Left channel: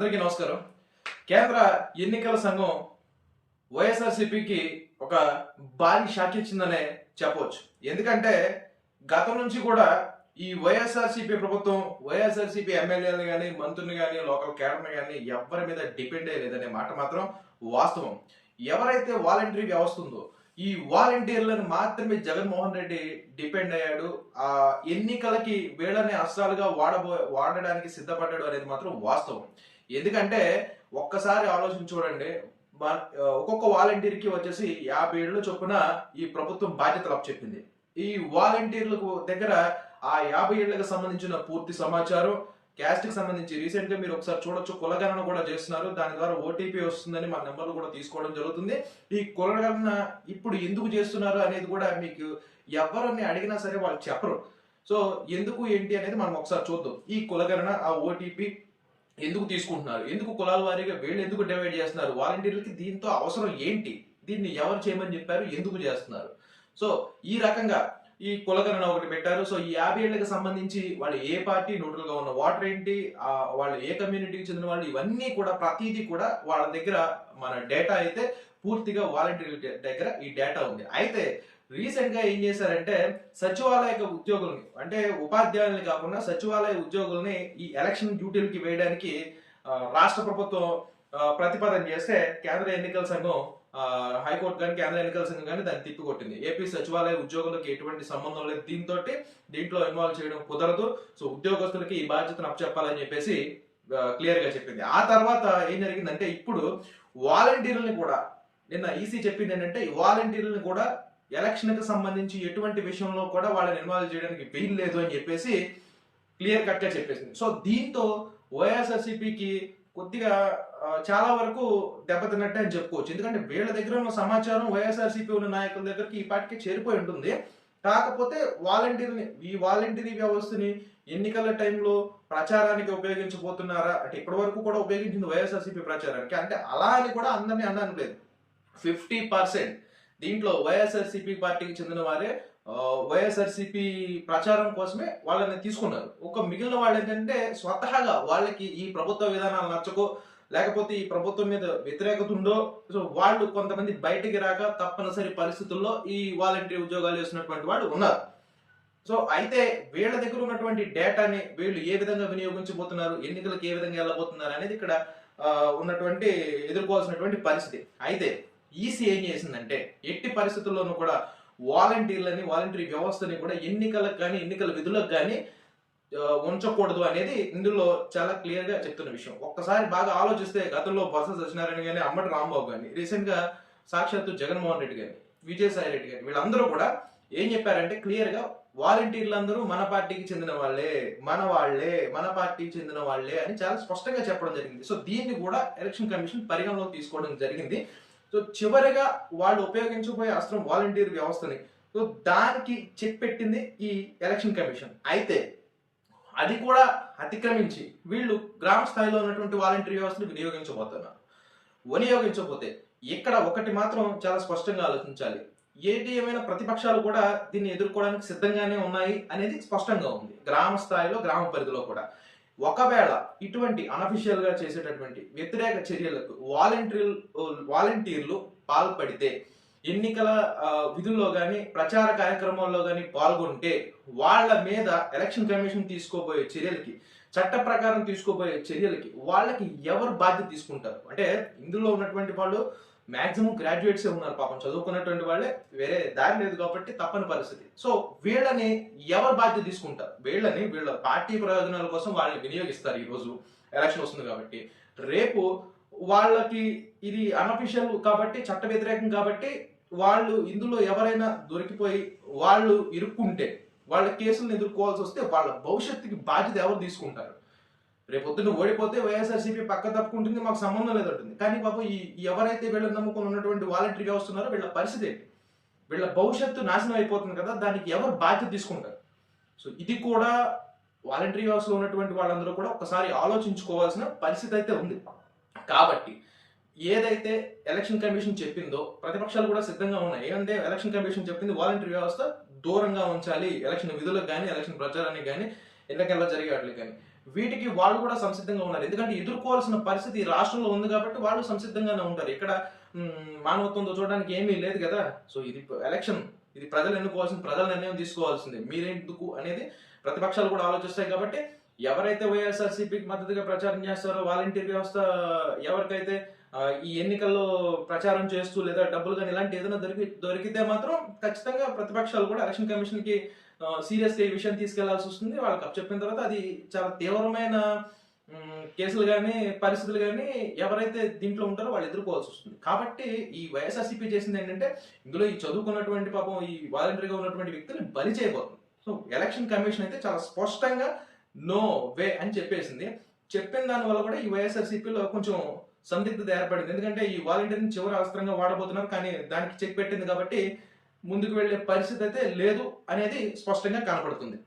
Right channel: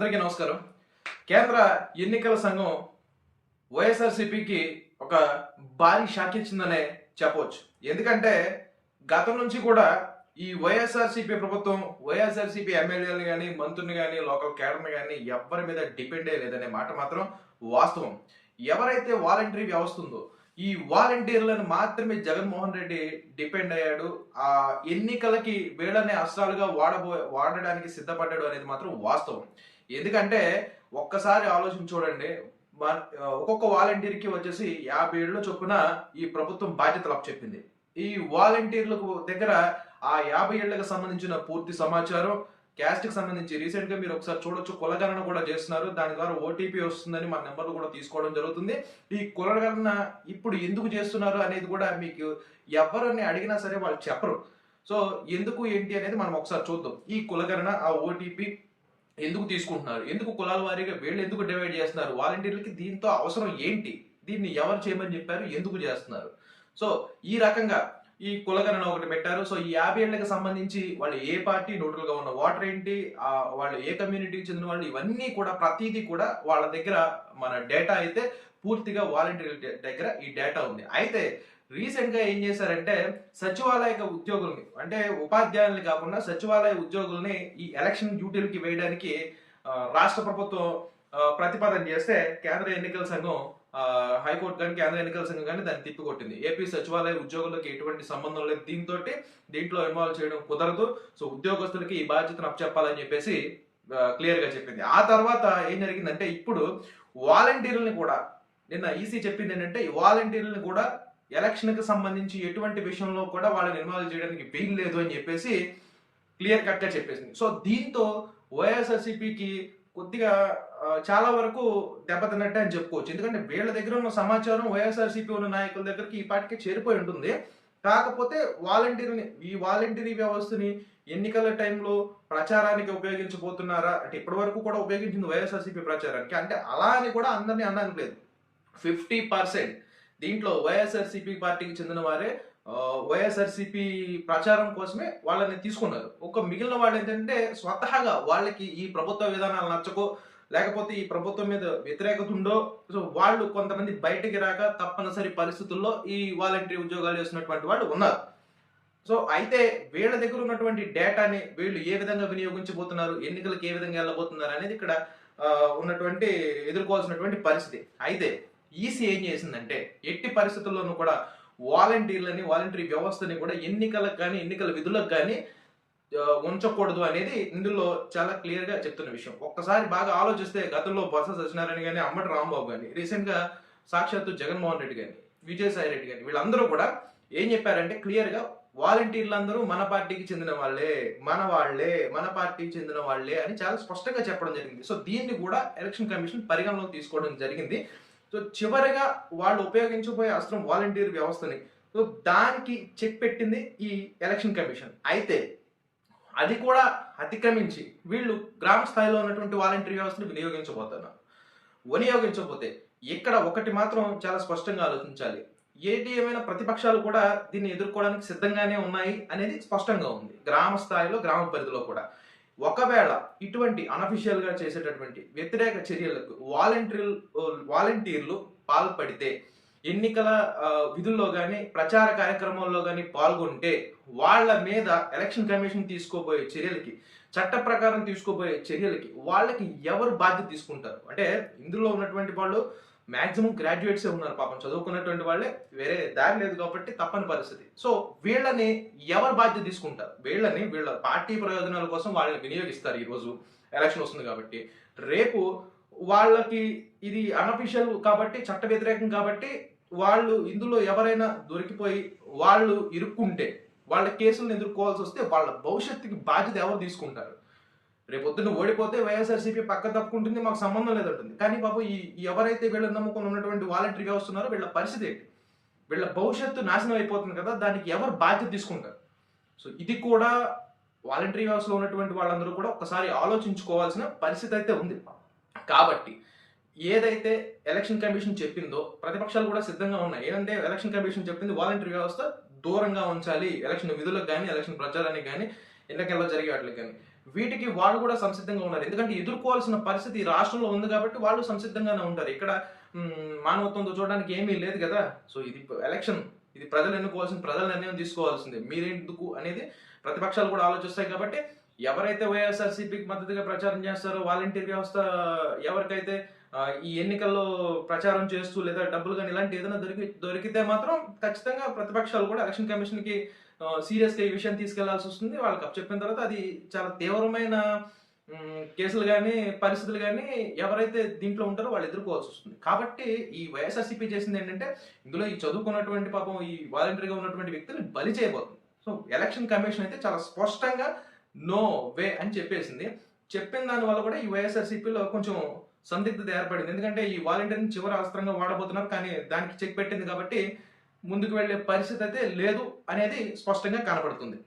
అందరికీ నమస్కారం. కేంద్ర ఎన్నికల సంఘం వైఎస్ఆర్సీపీకి ఒక భారీ షాక్ ఇచ్చిందనే చెప్పవచ్చు ఎందుకంటే గతం నుంచి కూడా ఈ వైఎస్ఆర్సీపీ ప్రభుత్వం వైఎస్ఆర్సీపీ ఎమ్మెల్యేలు కానీ మంత్రులు కానీ లోకల్ కేడర్ని కానీ ఎవరి మీద డిపెండ్ అయ్యలేదనే మాట మాత్రం వాస్తవం. ఎవరైతే వాలంటరీ వ్యవస్థ ఉందో ఈ వాలంటీర్లను మాత్రమే జగన్మోహన్ రెడ్డి డిపెండ్ అయ్యాడు. ఆ ఎన్నికలకి వీళ్ళనే అస్త్రాలుగా వాడబో వాడడానికి సిద్ధపడ్డాడు అనేది మాత్రం వాస్తవం. ఎందుకంటే ఒక్కసారి ఆలోచించి చూడండి ఒక్కొక్క వాలంటీర్కి వచ్చేసి యాభై ఏళ్ళు చొప్పున ఈ ప్రభుత్వం బాధ్యతలు అప్పచెప్పింది. ఈ వాలంటీర్లకు దగ్గర ఆ యాభై ఏళ్ళకు సంబంధించిన పూర్తి సమాచారం క్యాస్ట్కి సంబంధించి రీసెంట్గా మీరు ఒకసారి చూడొచ్చు కులగణన కూడా చేస్తున్నారు. దాని ద్వారా ఓటీపీ వస్తుందని మా నెంబర్లు కూడా తీసుకోవడం జరుగుతుంది. ఈ కులగణన ఇప్పుడు ఎందుకు చేస్తున్నారు అనేది కూడా మీకు ఎవరిని అడిగినా సరే వాళ్ళు చెప్పరు. సో ఎందుకు ఏంటి అనేది మనం ఒకసారి చూద్దాం. ఈ కులగణన ఆ ఓటీపీ ఎందుకు తీసుకుంటున్నారు? ఎందుకు కులాల వారీగా వీళ్ళు ఎందుకు డివైడ్ చేస్తున్నారు? వాలంటీర్లకి దీంతో అవసరం ఏంటి? దీన్ని ఎవరు చేయమని చెప్పారు? ఎందుకు చేస్తున్నారు? సో ఈ రకంగా ఈ కులగణన ఒకటి పెట్టారు. సో ఈ యాభై ఏళ్ళకి సంబంధించి వాళ్ళు ఏ పార్టీ న్యూట్రల్ ఉన్న వాటర్ ఏంటి? వాళ్ళు ఏ కమ్యూనిటీకి చెందిన వాళ్ళు? ఇవన్నీ కూడా ప్రతిదీ కూడా వాళ్ళ దగ్గర మన డేటా అయితే పూర్తిగా వాలంటీర్ దగ్గర ఈ డేటా ఉంది. అయితే రీసెంట్గా ఏం చేశారంటే సచివాలయ ఉద్యోగుల్ని అంటే ఉపాధ్యాయుల్ని కాకుండా సచివాలయ ఉద్యోగుల్ని ఈ ఎలక్షన్ డ్యూటీలకి వేయడానికి రాష్ట్ర ప్రభుత్వం ప్రతిపాదన చేస్తే కేంద్ర ఎన్నికల సంఘం హైకోర్టు కానీ కేంద్ర ఎన్నికల సంఘం కానీ దాన్ని తిప్పికొట్టింది. ఏపీ సచివాలయ ఉద్యోగులకు ఎటువంటి సంబంధం లేదు. దీంతో దీంట్లో ఇన్వాల్వ్ చేయడం కుదరదు. సో ఉద్యోగస్తులకి ఈ బాధ్యతను అప్పచెప్పాలని చెప్పేసి క్లియర్గా చెప్పింది. ఆ తర్వాత ఏం జరిగిందంటే ఇప్పుడు వాలంటీర్లని కూడా నిన్న ఈసీ చెప్పింది ఏంటంటే ఈ వాలంటీర్లను కూడా ఎలక్షన్కి సంబంధించి ఎటువంటి విషయంలో కూడా వాళ్ళని ఇన్వాల్వ్ చేయడానికి వీలు లేదు అని చెప్పేసి క్లియర్ కట్గా చెప్పేసింది. సో దీంతో వైఎస్ఆర్సీపీకి కొద్దిగా చాలా వరకు దెబ్బతిన్నట్టే అని చెప్పుకోవచ్చు. ఎందుకంటే వీళ్ళ దగ్గర ఉన్న సమాచారం వైఎస్ఆర్సీపీ ఉన్న నాయకుల దగ్గరికి ఈ పాటికి చేరిపోయి ఉంటుంది. కాకపోతే వాలంటీర్ని ఈ వాలంటీరీ వ్యవస్థని ఎన్నికల టైంలో ప్రచారానికి ఉపయోగించబోతున్నారా? అంటే ఇప్పటి వరకు కూడా ఉపయోగించింది వైఎస్ఆర్సీపీ ప్రచారానికి. అంటే అలా అని కూడా అందరినీ అనడానికి లేదు. ఫిఫ్టీ పర్సెంట్ దీంట్లో వైఎస్ఆర్సీపీ పార్టీకి చెందిన వారే వైఎస్ఆర్సీపీ ప్రచారం కోసమే వాళ్ళని తీసుకున్నారు. ఒక మిగిలిన వాళ్ళు ఏంటంటే స్వతహాగా వాళ్ళకి ఈ ప్రభుత్వ విధానాలు నచ్చకో లేకపోతే ఈ ప్రభుత్వం మీద వ్యతిరేకత ఉందో సో వాళ్ళు కొంతమంది బయటికి రాక తప్పనిసరి పరిస్థితుల్లో ఈ వాలంటరీ ఉద్యోగాలు చేసినటువంటి వాళ్ళు ఉన్నారు. సో అయితే వీళ్ళ దగ్గర ఉన్నటువంటి డేటాని వీళ్ళు ఏ విధంగా వినియోగించబోతున్నారు ఎన్నికలకు ఏ విధంగా వెళ్ళబోతున్నారు అనేది ఇక్కడ ఉన్నటువంటి ఎదుర్కోవాల్సినటువంటి పరిస్థితి. అయితే ఈసీ ఏం చేసిందంటే ఎట్టి పరిస్థితుల్లోనూ కూడా వాలంటీర్లని వాలంటరీ వ్యవస్థని కూడా ఎన్నికలకు కానీ ఎన్నికల విధులకు కానీ ఉంచకూడదు అనేది ఇందులో చాలా క్లియర్గా చెప్తున్న విషయం. ఒక్కసారి బాగా ఆలోచిస్తే గతంలో బొత్స సత్యనారాయణ కానీ అమ్మటి రాంబాబు కానీ రీసెంట్గా సాక్షాత్తు జగన్మోహన్ రెడ్డి కానీ విజయసాయి రెడ్డి కానీ వీళ్ళందరూ కూడా ఏం చెప్పారంటే క్లియర్గా వాలంటీర్లు అందరూ మన పార్టీకి చెందిన వాళ్ళే మన వాళ్ళే మన పార్టీకి చెందిన వాళ్ళే అని చాలా స్పష్టంగా చెప్పడం జరిగింది. సో దీన్ని కూడా ఎలక్షన్ కమిషన్ పరిగణలోకి తీసుకోవడం జరిగింది. సో చివరిగా వాళ్ళు ఉపయోగించబోయే అస్త్రం వాలంటీర్ వ్యవస్థని. సో దానికి చెక్ పెట్టింది ఈ ఎలక్షన్ కమిషన్ అయితే అది కూడా అతిక్రమించి వీళ్ళు గ్రామ స్థాయిలో ఉన్నటువంటి వాలంటీర్ వ్యవస్థను వినియోగించబోతున్నారు. వినియోగించకపోతే ఇక్కడ ఒకటి మాత్రం చాలా స్పష్టంగా ఆలోచించాలి. ఏటి ఏమైనా ప్రతిపక్షాలు కూడా దీన్ని ఎదుర్కోవడానికి సిద్ధంగానే ఉన్నాయి అనేది స్పష్టంగా ఉంది. గ్రామ స్థాయిలో గ్రామ పరిధిలో కూడా. ఒకవేళ ఇటువంటి అనఫిషియల్గా చేసేటటువంటి వ్యతిరేక చర్యలకు వాలంటీర్ వాలంటీర్లు పాల్పడితే ఎన్నికల విధుల్లో కానీ ప్రచార కార్యక్రమాల్లో కానీ పాల్గొంటే వాళ్ళ మీద ఎలక్షన్ కమిషన్ తీసుకోబోయే చర్యలకి చట్ట ప్రకారం తీసుకోబోయే చర్యలకి వాళ్ళకి ఎవరు బాధ్యత తీసుకుంటారు? అంటే ఇందులో ఉన్నటువంటి వాళ్ళు మాక్సిమం గ్రాడ్యుయేట్సే ఉన్నారు పాపం. చదువుకున్నటువంటి వాళ్ళే వేరే దారి లేదు కాబట్టి తప్పని పరిస్థితి. సో వీళ్ళని ఎవరు బాధ్యత తీసుకుంటారు? వీళ్ళని వీళ్ళ పార్టీ ప్రయోజనాల కోసం వాళ్ళని వినియోగిస్తారు ఈరోజు ఎలక్షన్ వస్తుంది కాబట్టి. రేపు వాళ్ళకి ఇది అనఫిషియల్ కాబట్టి చట్ట వ్యతిరేకం కాబట్టి వాళ్ళు ఇందులో ఎవరైనా దొరికిపోయి వాళ్ళు ఇరుక్కుంటే వాళ్ళ కేసులను ఎదుర్కోవాల్సి వస్తే వాళ్ళ భవిష్యత్తుకి బాధ్యత ఎవరు తీసుకుంటారు? రేపొద్దున ఓడిపోతే వైఎస్ఆర్సీపీ పక్క తప్పుకుంటుంది మాకు సంబంధం లేదంటుంది. కానీ బాబు ఈ ఎవరైతే వీళ్ళని నమ్ముకుని ఉన్నటువంటి వాలంటరీ వ్యవస్థ ఉన్నారో వీళ్ళ పరిస్థితి ఏంటి? వీళ్ళ భవిష్యత్తు నాశనం అయిపోతుంది కదా దానికి ఎవరు బాధ్యత తీసుకుంటారు? సో ఇది కూడా వాలంటరీ వ్యవస్థలో ఉన్నటువంటి వాళ్ళందరూ కూడా ఒకసారి ఆలోచించుకోవాల్సిన పరిస్థితి అయితే ఉంది. కాబట్టి ఏదైతే ఎలక్షన్ కమిషన్ చెప్పిందో ప్రతిపక్షాలు కూడా సిద్ధంగా ఉన్నాయి. ఏమంటే ఎలక్షన్ కమిషన్ చెప్పింది వాలంటరీ వ్యవస్థ దూరంగా ఉంచాలి. ఎలక్షన్ విధులకు కానీ ఎలక్షన్ ప్రచారానికి కానీ ఎన్నికల్లో జరిగే వాటికి కానీ వీటికి వాళ్ళు కూడా సంసిద్ధంగా ఉన్నారు. ఎందుకంటే ఎదుర్కోవాల్సిన పరిస్థితి రాష్ట్రంలో ఉంది కాబట్టి వాళ్ళు సంసిద్ధంగానే ఉంటారు. ఇక్కడ మానవత్వంతో చూడడానికి ఏమీ లేదు కదా. సో ఇది ఎలక్షన్ ఇది ప్రజలు ఎన్నుకోవాల్సింది ప్రజల నిర్ణయం తీసుకోవాల్సిందే. మీరెందుకు అనేది ప్రతిపక్షాలు కూడా ఆలోచిస్తాయి కాబట్టి ఎవరైతే వైఎస్ఆర్సీపీకి మద్దతుగా ప్రచారం చేస్తారో వాలంటీర్ వ్యవస్థ ఎవరికైతే ఈ ఎన్నికల్లో ప్రచారం చేస్తూ లేదా డబ్బులు కానీ ఇలాంటి ఏదైనా దొరికి దొరికితే మాత్రం ఖచ్చితంగా ప్రతిపక్షాలు కూడా ఎలక్షన్ కమిషన్కి సీరియస్గా ఈ విషయం తీసుకెళ్ళాల్సి వస్తుంది. వాళ్ళకి అప్ చెప్పిన తర్వాత అది చాలా తీవ్రమైన కేసులు కానీ పరిస్థితులు కానీ ఎవరైతే దీంట్లో ఉంటారో వాళ్ళు ఎదుర్కోవాల్సి వస్తుంది. కాబట్టి ఈ వైఎస్ఆర్సీపీ చేసింది ఏంటంటే ఇందులో ఈ చదువుకున్నటువంటి పాపం ఈ వాలంటీర్గా ఉన్నటువంటి వ్యక్తిని బలి చేయబోతుంది. సో ఎలక్షన్ కమిషన్ అయితే చాలా స్పష్టంగా నో వే అని చెప్పేసింది. చెప్పిన దాని వల్ల కూడా ఈ వైఎస్ఆర్సీపీలో కొంచెం సందిగ్ధత ఏర్పడింది. ఎందుకంటే ఈ వాలంటీర్ని చివరి అవసరంగా వాడబోతున్నారు కానీ దానికి చెక్ పెట్టింది కాబట్టి ముందుకు వెళ్ళే పరిస్థితి అయితే లేదు అనేది స్పష్టంగా కనపడుతుంది.